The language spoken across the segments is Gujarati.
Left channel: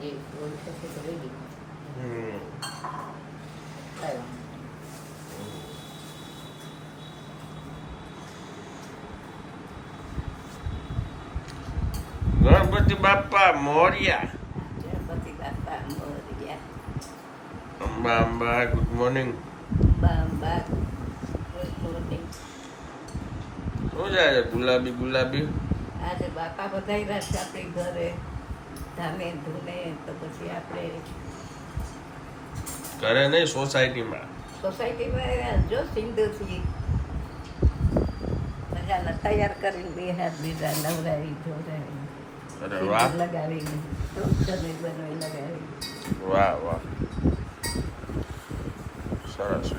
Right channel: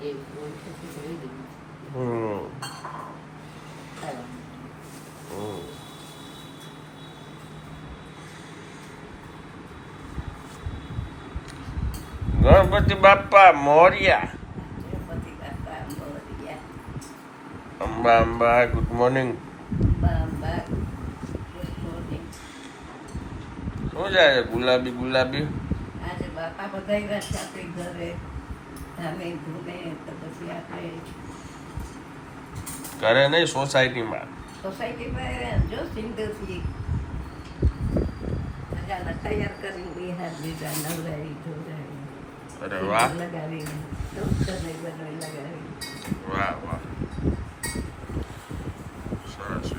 જેવી ગોળ થશે તો રેડી હમ કાંઈ હમ. ગણપતિ બાપા મોર્યા ગણપતિ બાપા મોરયા Amba Amba good morning Amba Amba good morning શું જાય છે ગુલાબી ગુલાબી આજે બાપા બધાય છે આપણી ઘરે ધામે ધૂને તો પછી આપણે. ઘરે નહીં સોસાયટીમાં. સોસાયટીમાં જો સિંગરથી મજાના તૈયાર કરીને હાથ લીધા નવરાવી ધોરાવી લગાવીને બનાવી લગાવી વાહ વાહ. સરસ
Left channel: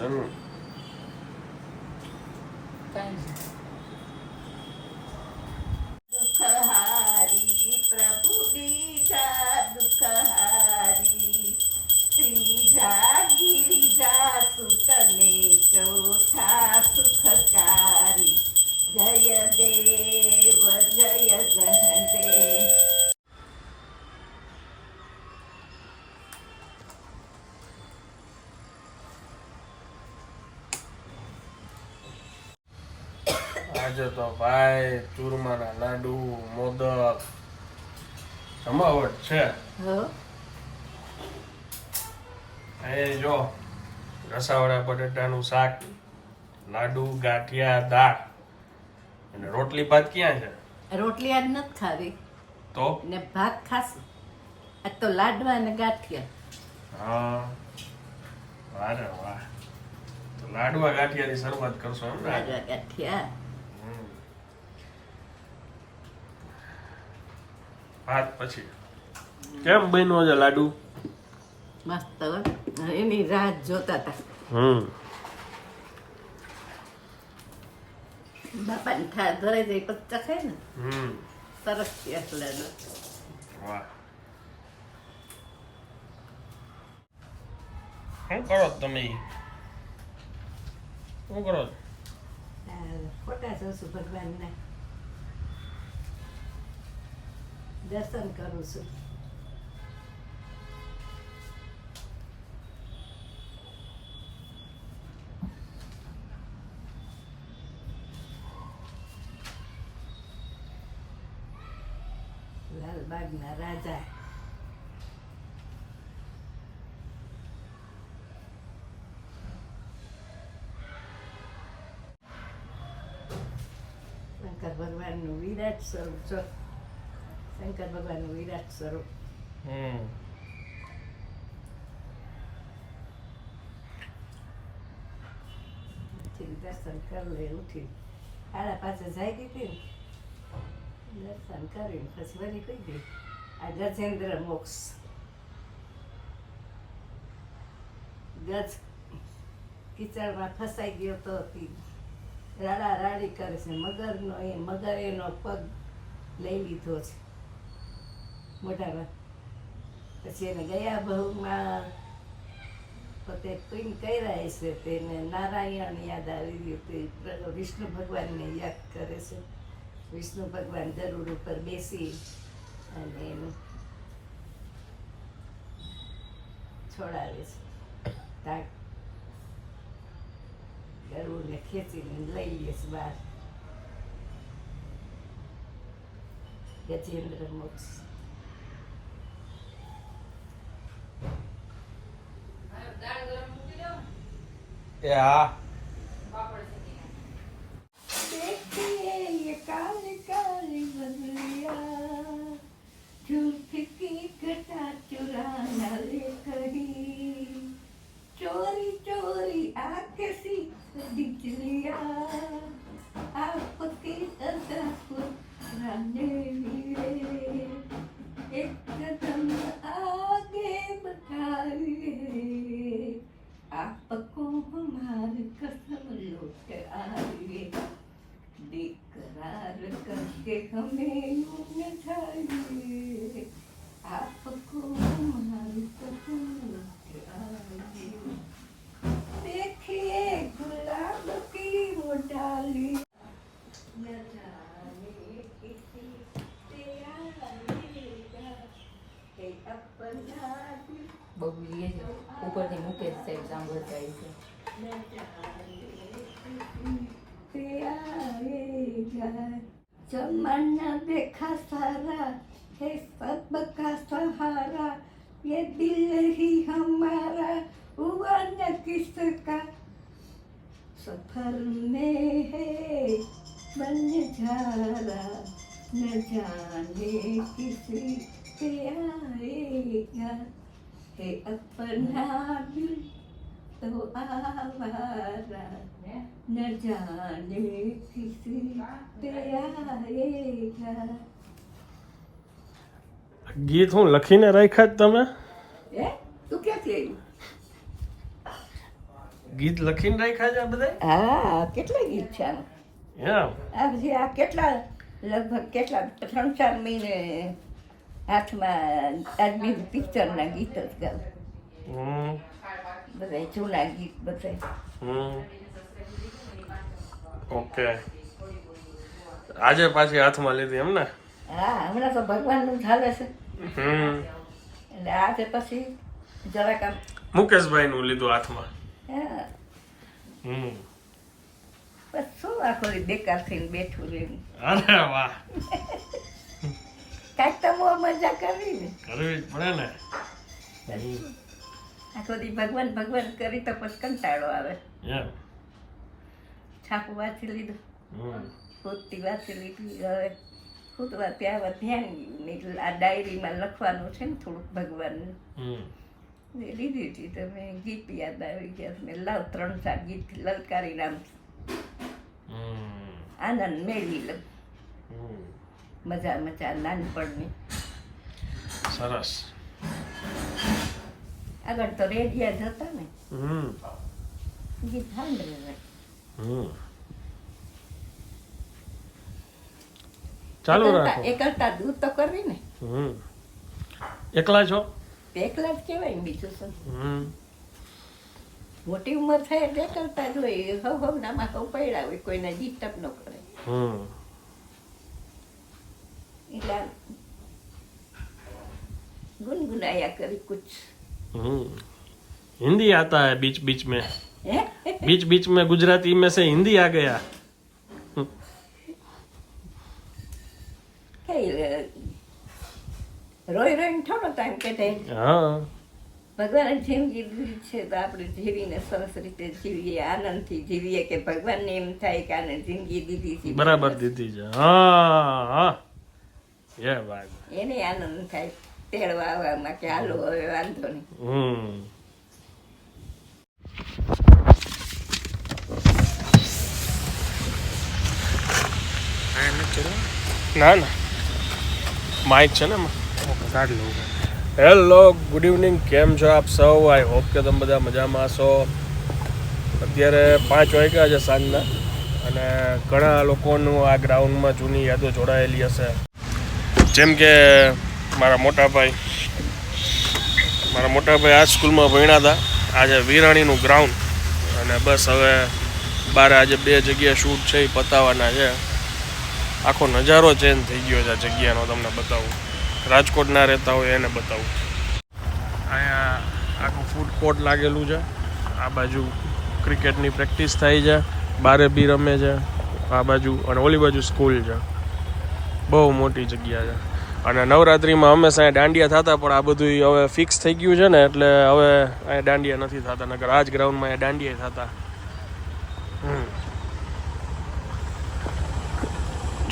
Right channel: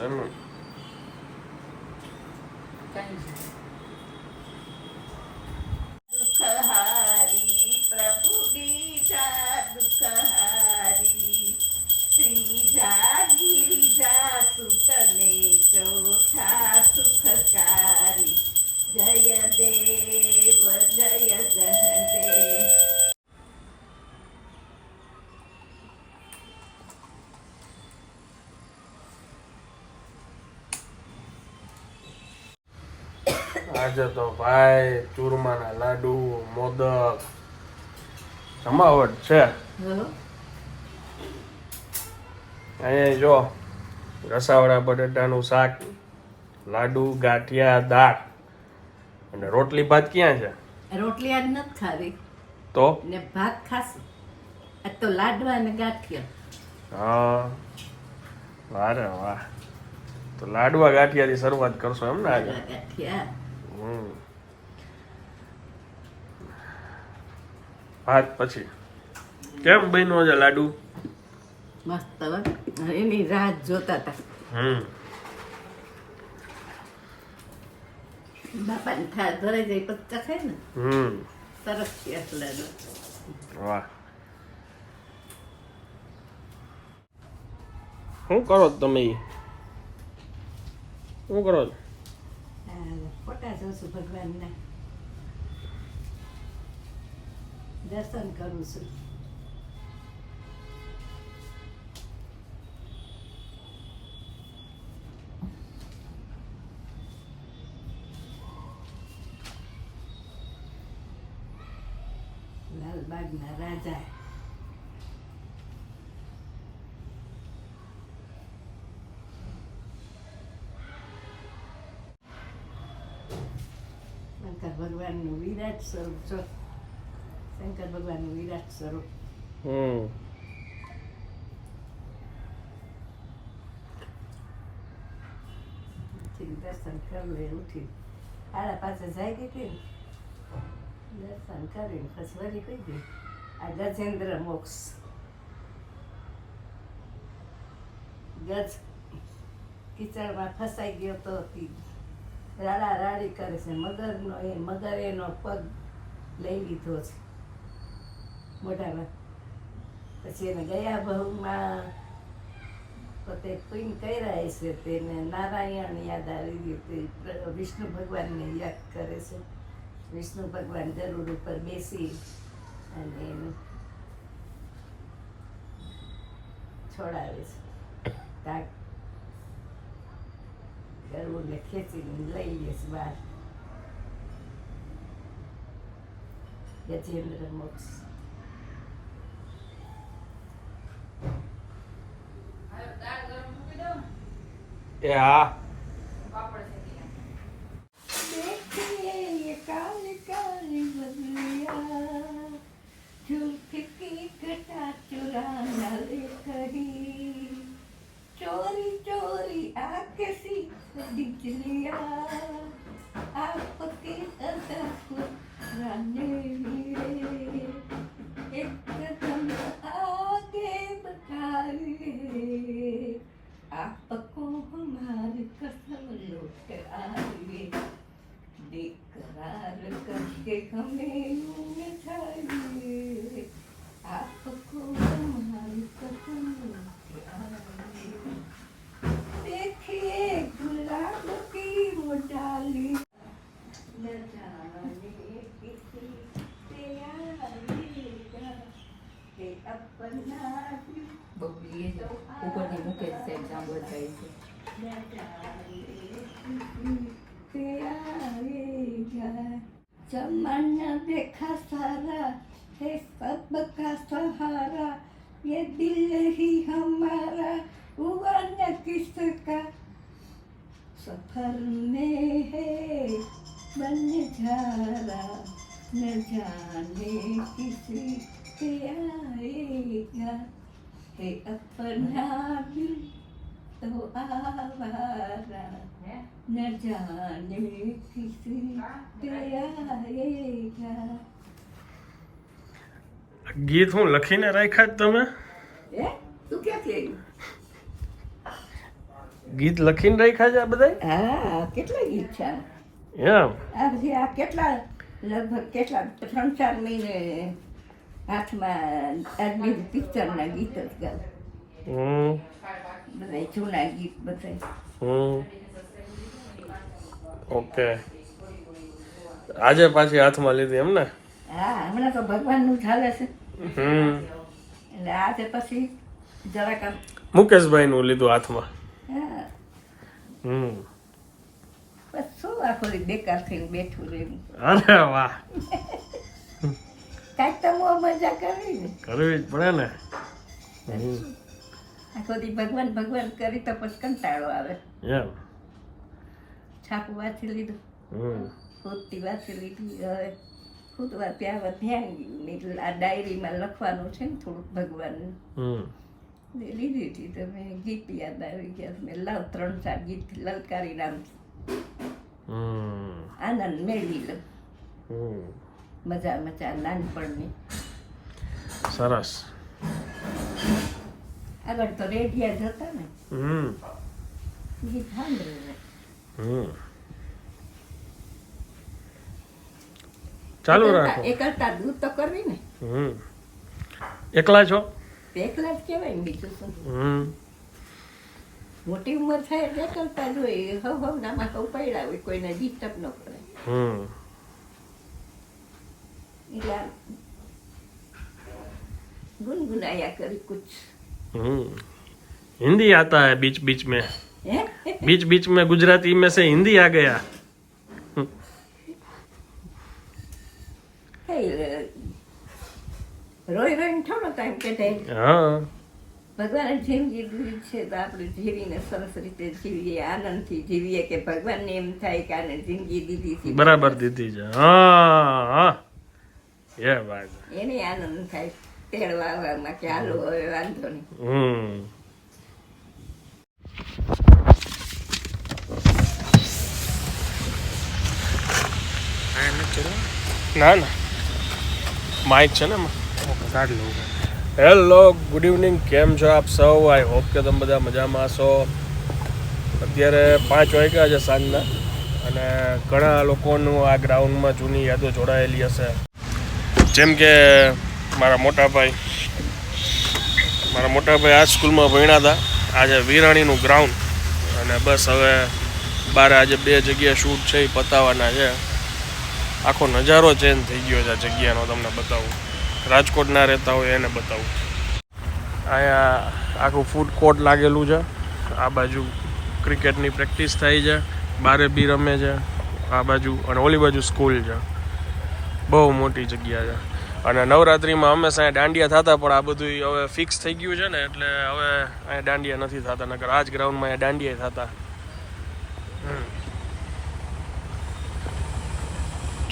I don't know. આજે તો ભાઈ ચૂરમાના લાડુ મોદક. જમાવટ છે. અહીંયા જો રસાવડા બટેટાનું શાક લાડુ ગાંઠિયા દાળ. અને રોટલી ભાત ક્યાં છે? રોટલી આજ નથી ખાવી. તો? ને ભાત ખાશું. આ તો લાડવા અને ગાંઠિયા. હા. વારે વાહ. તો લાડવા ગાંઠિયાની શરૂઆત કરશો એમ ને આજે? ગાંઠિયા. ભાત પછી. કેમ બન્યો છે લાડુ? મસ્ત એની રાહ જોતા હતા હમ. બાપાને થા ધરે જાય પછી ચખે ને હમ. સરસ છે એટલે વાહ. શું કરો તમે? શું કરો છો? ફોટા જોશું ભગવાનના દર્શન કરું છું લાલબાગના રાજા વિરાટ સ્વરૂપ છો શંકર ભગવાનનું વિરાટ સ્વરૂપ હમ ઉઠીને દર્શન કરી લે ઉઠી આડા પાસે જાય હતી ને દર્શન કરીને પછી વળી કહી ગઈ આ ગજેન્દ્ર મોક્ષ ગજ કીચડમાં ફસાઈ ગયો તો તી રાડા રાડી કરે છે. મગરનો એ, મગર એનો પગ લઈ લીધો છે. મોઢામાં. પછી એને ગયા બહુમાં પોતે પિંગ કર્યા છે તેને નારાયણ યાદ આવી ગયું તે વિષ્ણુ ભગવાનને યાદ કરે છે. વિષ્ણુ ભગવાન ગરુડ ઉપર બેસી અને એને છોડાવે છે. તાક ગરુડને ખેંચીને લઈ લે છે બહાર ગજેન્દ્ર મોક્ષ એ હા Dikiliya, aku tidak takut kerana બપોરની મુકેશ સાહેબ સાંભળતા છે पे आएगा जमाना देखा सारा है सब का सहारा ये दिल ही हमारा हुआ न किसका सफर में है बन जारा न जाने किसी पे आएगा હે અપના તો આવારા ન જાને કિસી પ્યારેગા ગીત હું લખીને રાખ્યા તમે? એ તું ક્યાંથી ગીત લખીને રાખ્યા છે બધા હા કેટલા ગીત છે? એમ. આ પછી આ કેટલા લગભગ કેટલા ત્રણ ચાર મહિને હાથમાં આજની પિક્ચરના ગીત જ ગાવ હમ બધા જૂના ગીત બધા હમ ઓકે આજે પાછી હાથમાં લીધી એમ ને હા હમણાં તો ભગવાનનું ચાલે છે હમ એટલે આજે પછી જરાક મુકેશભાઈ નું લીધું હાથમાં હા હમ બસ શું આખો બેકાર થઈને બેઠું રહ્યું અરે વાહ કાંઈક તો મજા કરવી ને. કરવી જ પડે ને. આખો દી ભગવાન ભગવાન કરી તો પછી કંટાળો આવે. એમ. છાપું વાંચી લીધું. હમ. ખોદતી વાંચી લીધી. હવે ખોદવા ત્યાં આવે ધ્યાન આ ડાયરીમાં લખવાનું છે ને થોડુંક ભગવાનનું. લીધી હતી તો મેં ગીત યાદ આવી ગયા. મેં લાવ ત્રણ ચાર ગીત લલકારી નામ. આનંદ મેળવી લઉં. હમ. મજા મજા નાનપણની. સરસ. આગળ તો રેડિયા જ હતા ને. હમ. ગીત સાંભળે હમ. ચાલુ રાખો. એ કરતા દૂર તો કરવી ને. હમ. એકલા છો? એકલા જ કહેવાય ને બીજું શું? હમ. મોટી ઉંમર થાય એટલે કરતા જ હોય. હવ હવ નામાં હવ પડ્યા હોય કોઈને ડિસ્ટર્બ ન કરે. હમ. એટલે આમ ગુનગુનાયા કરી કુછ हम्म हिंदी आता है बीच बीच में હે बीच बीच में गुजराती में से हिंदी आ गया કઈ રોઈ રોઈને થોડો ટાઈમ કઢે हाँ ભગવાને જિંદગી દીધી છે તો આપણે જીવીને સરસ રીતે જીવીએ આનંદથી જીવીએ કે ભગવાનને એમ થાય કે આને જિંદગી દીધી છે बराबर दीदी जी हाँ हाँ ये बात है ના ના માઇક છે ને કાઢ લઉં હેલો ગુડ ઇવનિંગ કેમ છો આપ સૌ? આઈ હોપ કે તમે બધા મજામાં હશો અત્યારે પાંચ વાગ્યા છે સાંજના અને ઘણા લોકોનું આ ગ્રાઉન્ડમાં જૂની યાદો જોડાયેલી હશે. જેમ કે મારા મોટા ભાઈ, મારા મોટા ભાઈ આ સ્કૂલમાં ભણ્યા હતા. આજે વિરાણીનું ગ્રાઉન્ડ અને બસ હવે બારે આજે બે જગ્યા શૂટ છે, એ પતાવવાના છે. આખો નજારો ચેન્જ થઈ ગયો છે આ જગ્યાનો, તમને બતાવું. રાજકોટના રહેતા હોય એને બતાવું. અહીંયા આખું ફૂડ કોર્ટ લાગેલું છે. આ બાજુ ક્રિકેટની પ્રેક્ટિસ થાય છે. બારે બી રમે છે. આ બાજુ અને ઓલી બાજુ સ્કૂલ છે. બહુ મોટી જગ્યા છે. અને નવરાત્રિમાં હંમેશા અહીંયા દાંડિયા થતા, પણ આ બધું હવે ફિક્સ થઈ ગયું છે ને, એટલે હવે અહીંયા દાંડિયા નથી થતા નગર આ જ ગ્રાઉન્ડમાં અહીંયા દાંડિયા થતા.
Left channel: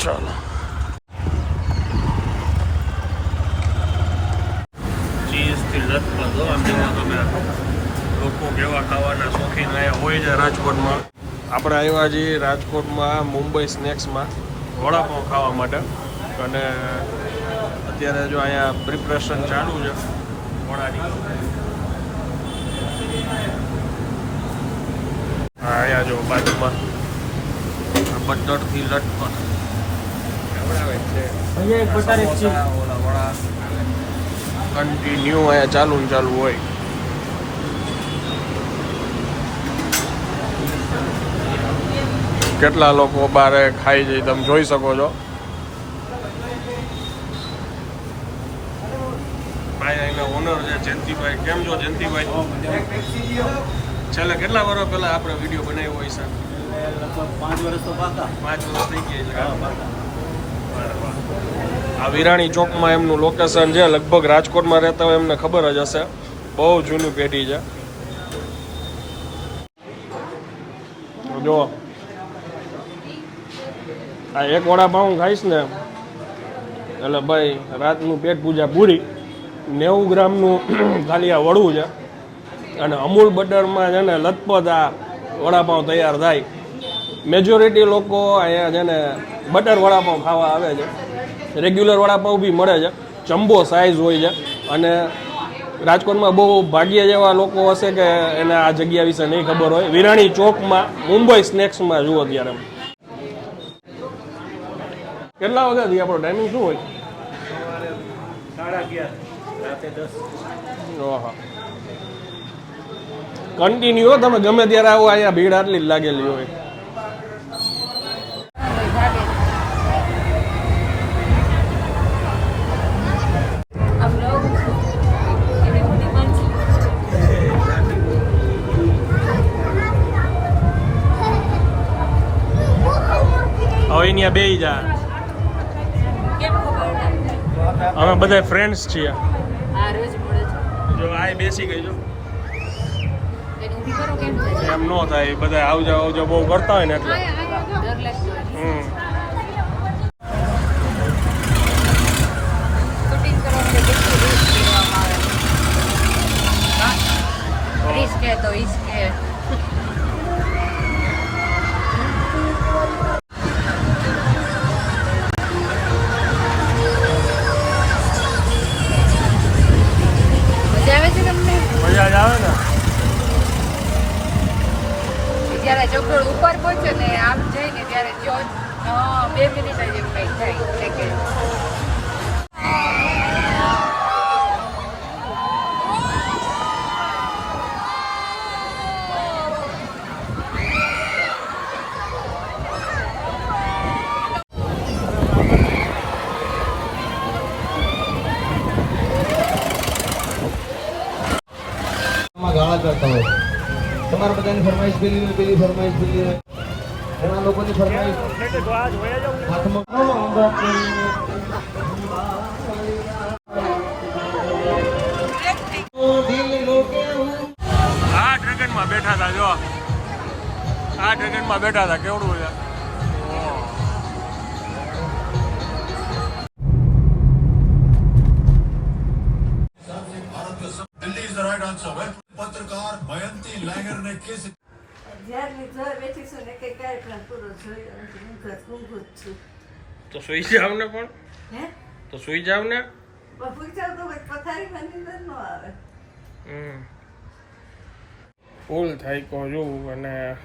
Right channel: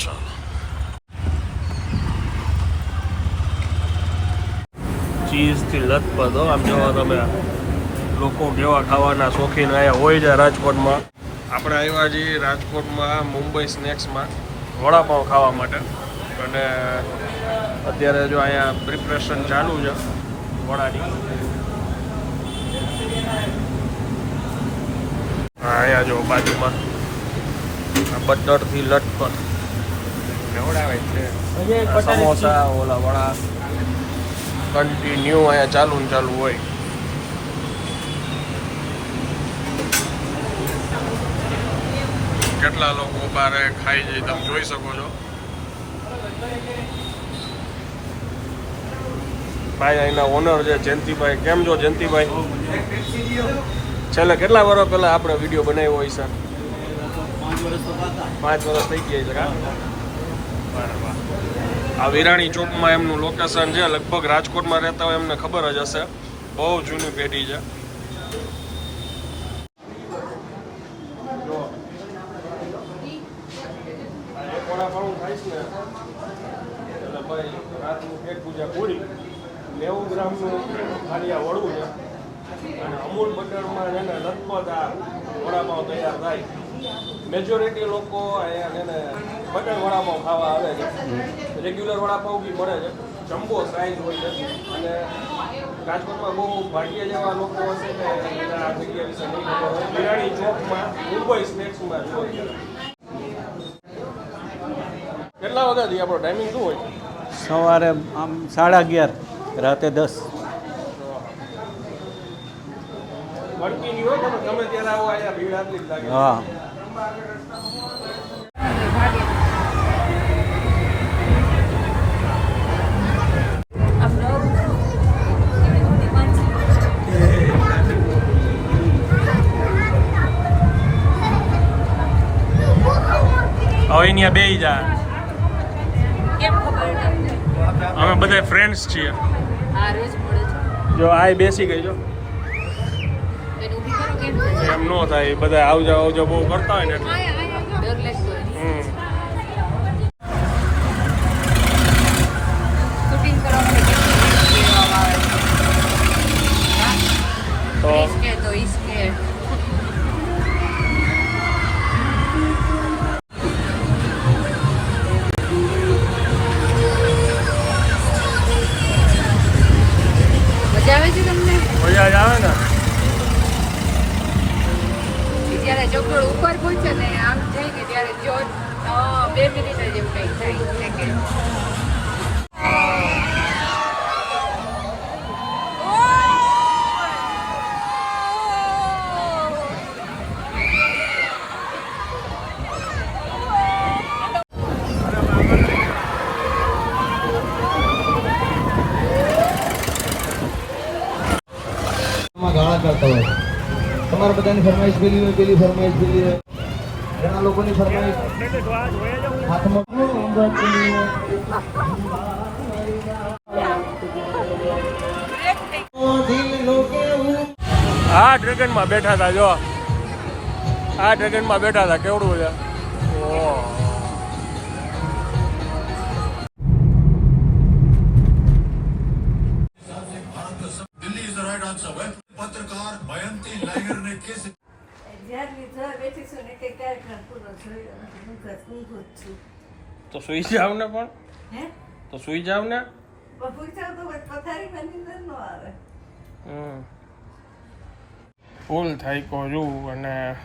ચાલો. ચીઝથી લથપથ આમ જોવા તમે લોકો કેવા ખાવાના શોખીન અહીંયા હોય છે રાજકોટમાં. આપણે આવ્યા છીએ રાજકોટમાં મુંબઈ સ્નેક્સમાં વડાપાઉં ખાવા માટે. અને અત્યારે જો અહીંયા પ્રિપરેશન ચાલુ છે વડાની અહીંયા જો બાજુમાં બટરથી લટપટ. સમોસા, ઓલા વડા. કન્ટિન્યુ અહીંયા ચાલુ ને ચાલુ હોય. કેટલા લોકો બારે ખાઈ જઈ તમે જોઈ શકો છો. ભાઈ અહીંના ઓનર છે જયંતિભાઈ. કેમ છો જયંતિભાઈ? છેલ્લે કેટલા વર્ષ પહેલા આપણે વીડિયો બનાવ્યો હોય છે? પાંચ વર્ષ થઈ ગયા છે. આ વિરાણી ચોકમાં એમનું લોકેશન છે લગભગ રાજકોટમાં રહેતા હોય એમને ખબર જ હશે. બહુ જૂની પેઢી છે. જો આ એક વડાપાઉં ખાઈશ ને એટલે ભાઈ રાતનું પેટ પૂજા પૂરી. નેવું ગ્રામનું ખાલી આ વડું છે. અને અમૂલ બટરમાં છે ને લથપથ આ વડાપાઉં તૈયાર થાય. મેજોરિટી લોકો અહીંયા છે ને બટર વડાપાઉં ખાવા આવે છે. રેગ્યુલર વડાપાઉં બી મળે છે. જમ્બો સાઇઝ હોય છે. અને રાજકોટમાં બહુ ભાગ્ય જેવા લોકો હશે કે એને આ જગ્યા વિશે નહીં ખબર હોય. વિરાણી ચોકમાં, મુંબઈ સ્નેક્સમાં જુઓ અત્યારે. કેટલા વાગ્યાથી આપણો ટાઈમિંગ શું હોય? સવારે આમ સાડા અગિયાર. રાતે દસ. કન્ટિન્યુ તમે ગમે ત્યારે આવો અહીંયા ભીડ આટલી જ લાગેલી હા. હોય. હવે અહીંયા બે જા. કેમ ખબર તમને? અમે બધા ફ્રેન્ડ્સ છીએ. જો આ બેસી ગઈ જો એને ઊભી કરો કેમ થશે એમ ન થાય બધા આવજા આવજા બહુ કરતા હોય ને એટલે ડર લાગતો હોય હમ શૂટિંગ કરવા તો ચોકડો ઉપર પહોંચે ને આમ જઈને ત્યારે જો બે મિનિટ જ એવું કંઈક થાય સેકન્ડ ગાળા કરતા હોય. તમારા બધાની ફરમાઈશ પેલી હોય પેલી ફરમાઈશ પેલી હોય. ઘણા લોકોની ફરમાઈશ હાથમાં આ ડ્રેગનમાં બેઠા હતા જો. આ ડ્રેગનમાં બેઠા હતા કેવડું છે? ઓહ. પત્રકાર મયંતી લહેર ને કેસ જ્યારની જોઈ બેઠી છું ને કંઈ કાર્યક્રમ પૂરો જોયો નથી. ઊંઘ જ- ઊંઘ જ છું. તો સુઈ જાવ ને પણ? હે? તો સુઈ જાવ ને? બફુઈ પૂછાવ તો પથારી નીંદર ન આવે. હમ. ફૂલ થાય કો જોઉં અને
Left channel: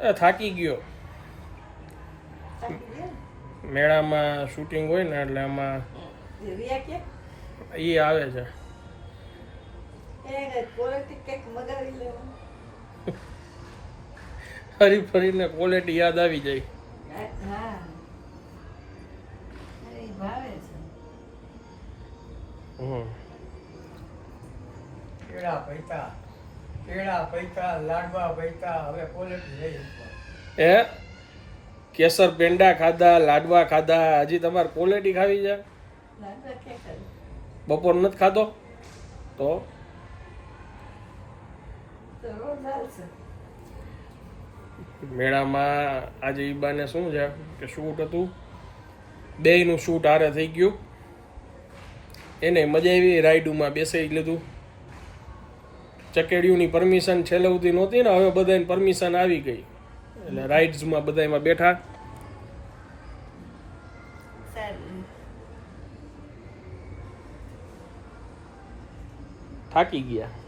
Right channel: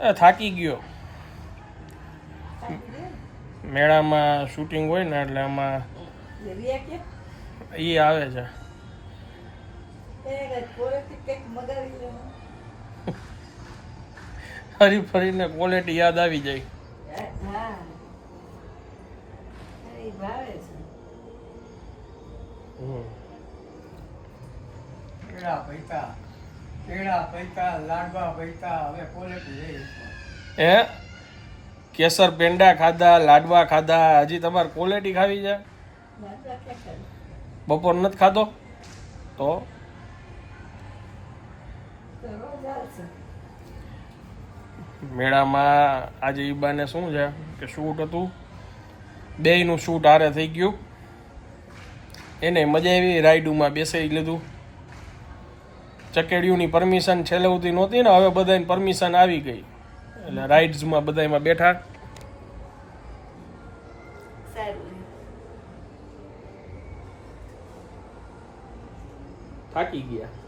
એ થાકી ગયો. મેળામાં શૂટિંગ હોય ને એટલે કે? એ આવે છે. ફરી ફરીને ક્વોલિટી યાદ આવી જાય. હા. કેળા પૈસા કેળા પૈસા લાડવા પૈતા હવે ક્વોલિટી લઈ એ કેસર પેંડા ખાધા લાડવા ખાધા હજી તમારે ક્વોલિટી ખાવી છે? બપોર નથી ખાધો? તો? મેળામાં આજે ઈબાને શું છે કે શૂટ હતું? બેયનું શૂટ હારે થઈ ગયું. એને મજા આવી રાઈડુમાં બેસાઈ લીધું. ચકેડિયુંની પરમિશન છેલ્લે સુધી નહોતી ને હવે બધાને પરમિશન આવી ગઈ. એટલે રાઇડ્સમાં બધામાં બેઠા. થાકી ગયા.